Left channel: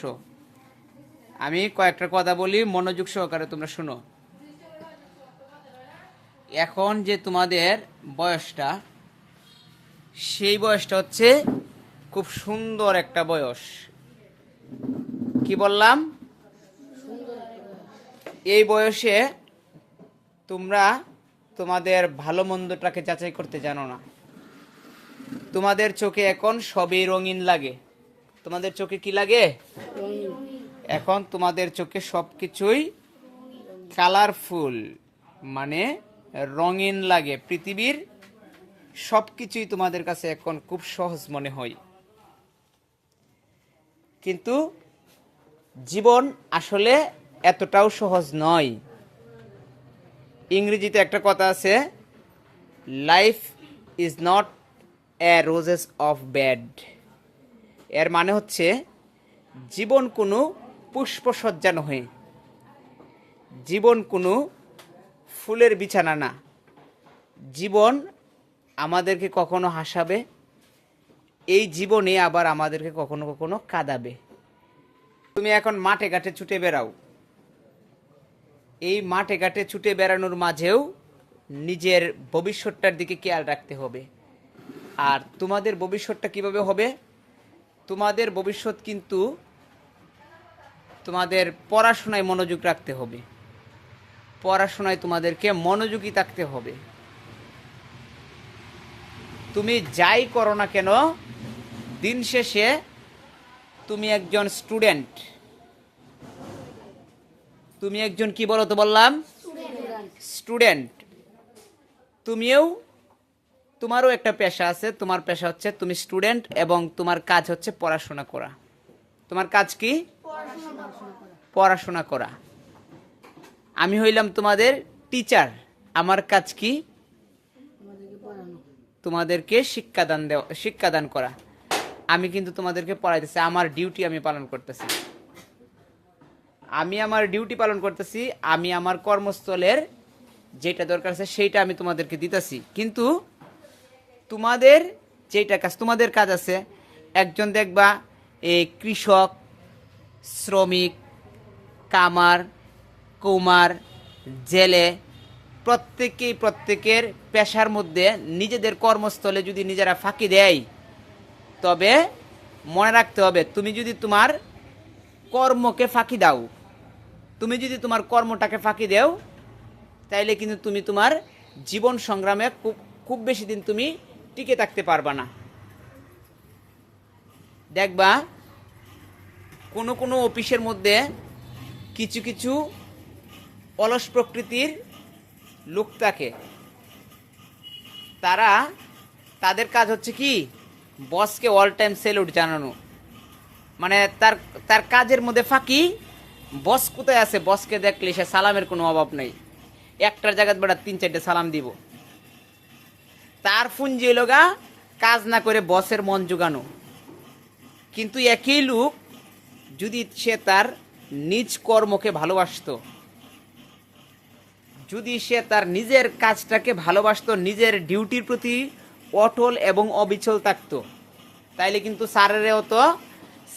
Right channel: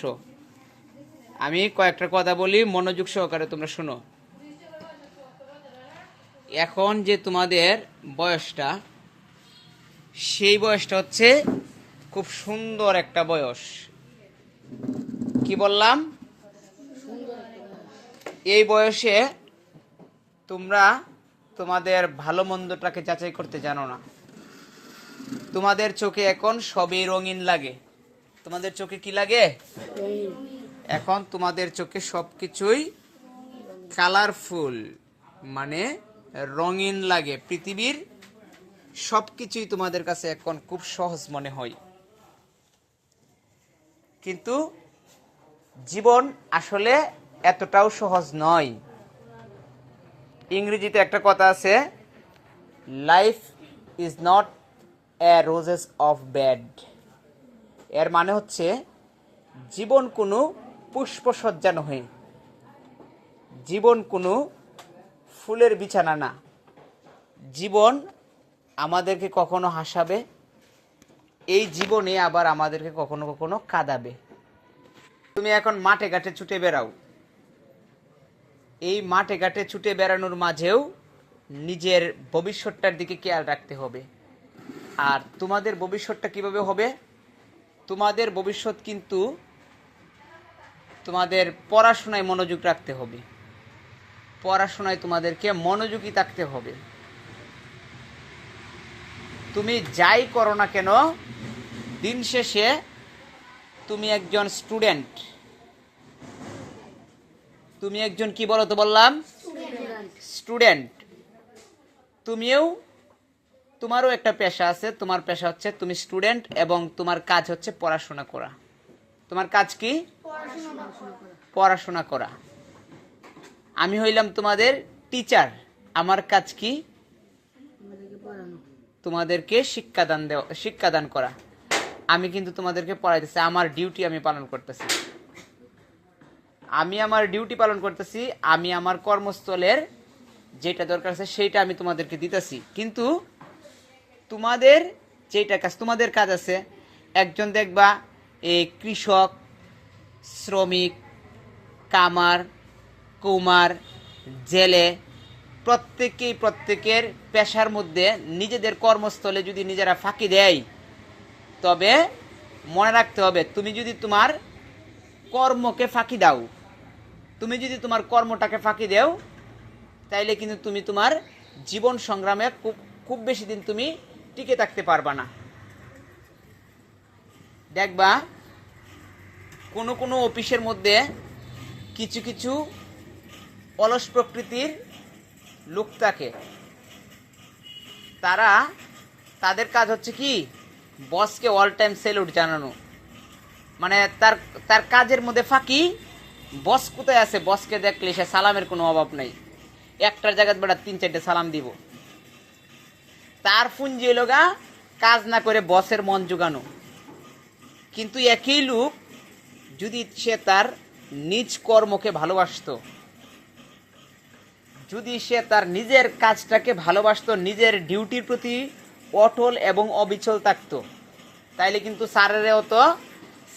Show. আমি কয়েকটা কথা বলি, মনোযোগ সহকারে তোমরা শোনো। এখন যে তোমাদের বয়সটা, সেই বয়সটা হচ্ছে খুব সুন্দর একটা বয়স। কি বললাম? এই বয়সে তোমরা তোমাদের ভালো মন্দটাকে যাচাই করতে জানো না। তোমাদের চোখে এখন সবই রঙিন লাগে। তোমাদের চোখে কি লাগে? এখন তোমাদের চোখে সবকিছুই কালারফুল, মানে রঙিন লাগে। পৃথিবীর সবকিছুই তোমাদের কাছে এখন খুব সহজ মনে হয়, কিন্তু জীবন আসলে এতটাও সহজ নয়। ইংরেজিতে একটা কথা আছে, life is not a roses of bed. এর মানে হচ্ছে জীবন কোনো পুষ্পসজ্জা নয়, জীবন কোনো ফুলের বিছানা না। জীবন আমাদেরকে কখনো হাসাবে, এই জীবনে আবার আমাদেরকে কখনো কখনো কাঁদাবে। তুমি এখন মাঠে ঘাটে ছুটে বেড়াও, এই মাঠে ঘাটে ছুটে বেড়ানোর মাঝেও নিজের ভবিষ্যৎটার দিকে খেয়াল রাখতে হবে। আর তোমাদের ভবিষ্যৎটা কিভাবে হবে? তোমাদের ভবিষ্যৎ কিন্তু তোমাদের পড়াশোনায় মনোযোগ রাখতে হবে। পড়াশোনায় তোমাদেরকে মনোযোগী থাকতে হবে। তুমি যাই করো না কেন, দিন শেষে তুমি একজন স্টুডেন্ট। তুমি একজন কি বলো তো বললাম? স্টুডেন্ট। তোমারও একটা পেশা আছে। তোমার পেশা হচ্ছে তুমি স্টুডেন্ট, এবং তোমার কাজ হচ্ছে পড়াশোনা করা। তোমার কাজ কি? পড়াশোনা করা। আমি হইলাম তোমাদের টিচার। আমার কাজ কি? তোমাদেরকে শিক্ষাদান করা। আমি কিন্তু তোমাদেরকে পড়াইতেছি, আমার ডিউটি আমি পালন করতেছি। আমি আমার ডিউটি পালন করতেছি। আমি আমার কর্মস্থলের যেটা দরকার আছে সেইটা আমি তোমাদেরকে দিতেছি। কিন্তু তোমাদের যেটা কাজ, তোমাদের কাজ আছে, একজন দেখবা এই কৃষক, শ্রমিক, কামার, কুমার, জেলে, প্রত্যেকের পেশার মধ্যে নিজেদের কর্মস্থলে যদি নিজেরা ফাঁকি দেয়, তবে মনে রাখতে হবে, তুমি যদি তোমার কর্মকে ফাঁকি দাও, তুমি যদি তোমার কর্মটাকে ফাঁকি দাও, তাইলে কিন্তু তুমি তোমার জীবন সংগ্রামে খুব বেশি দিন তুমি টিকে থাকতে পারবা না। দেখবা কোনো কোনো অফিসের মধ্যে কিছু কিছু অলস প্রকৃতির লোক থাকে। তাদের কাজ হচ্ছে কি? বসকে অল টাইম স্যালুট জানানো। মানে তার কাজের মধ্যে ফাঁকি। বস কোথায় আছে, বসকে দেখলে সে সালামের কোনো অভাব নাই। একটার জায়গায় বেড়া 3-4টে সালাম দিব। তার পুঞ্জি হলো গা কাজ না করে বসের মন জোগানো। কিন্তু একই লোক যদি সে তার নিজ কর্মকে ভালোবাসতো, যদি সে তার নিজের কাজটাকে ভালোবাসতো, নিজের ডিউটির প্রতি অটল এবং অবিচল থাকতো, তাইলে কিন্তু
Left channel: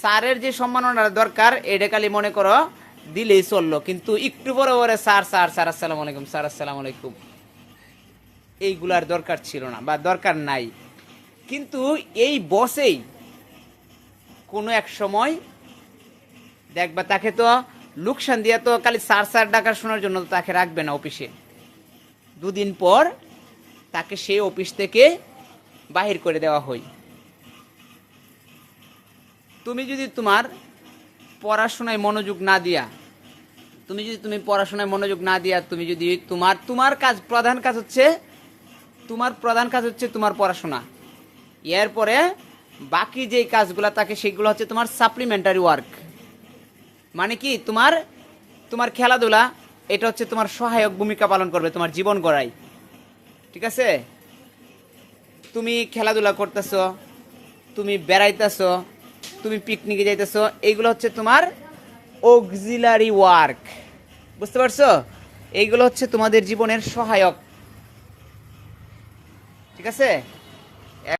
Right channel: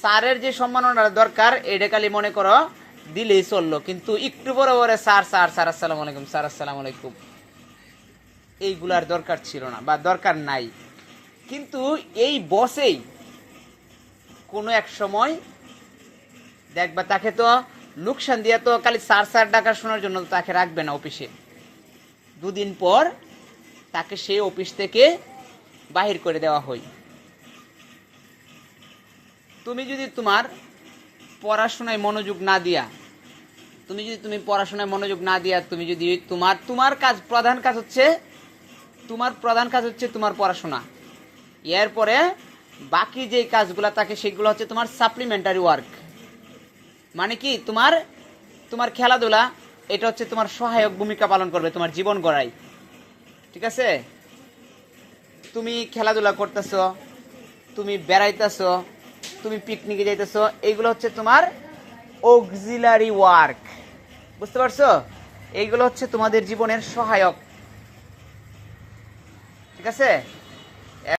স্যারের যে সম্মাননা দরকার এটা খালি মনে করো দিলেই চললো। কিন্তু একটু বড় বড় স্যার আসসালামু আলাইকুম, স্যার আসসালামু আলাইকুম, এইগুলার দরকার ছিল না বা দরকার নাই। কিন্তু এই বসেই কোনো এক সময় দেখবা তাকে তো লোকসান দিয়া তো খালি স্যার ডাকা শোনার জন্য তাকে রাখবে না অফিসে। দুদিন পর তাকে সেই অফিস থেকে বাহির করে দেওয়া হয়। তুমি যদি তোমার পড়াশোনায় মনোযোগ না দিয়া, তুমি যদি তোমার প্রধান কাজ হচ্ছে তোমার পড়াশোনা, এরপরে বাকি যে কাজগুলো থাকে সেগুলো হচ্ছে তোমার সাপ্লিমেন্টারি ওয়ার্ক। মানে কি? তোমার খেলাধুলা, এটা হচ্ছে তোমার সহায়ক ভূমিকা পালন করবে তোমার জীবন গড়ায়। ঠিক আছে? তুমি খেলাধুলা করতেছ, তুমি বেড়াইতেছ, তুমি পিকনিকে যাইতেছ, এইগুলো হচ্ছে তোমার অক্সিলারি ওয়ার্ক। বুঝতে পারছো? এইগুলো হচ্ছে তোমাদের জীবনের সহায়ক। ঠিক আছে?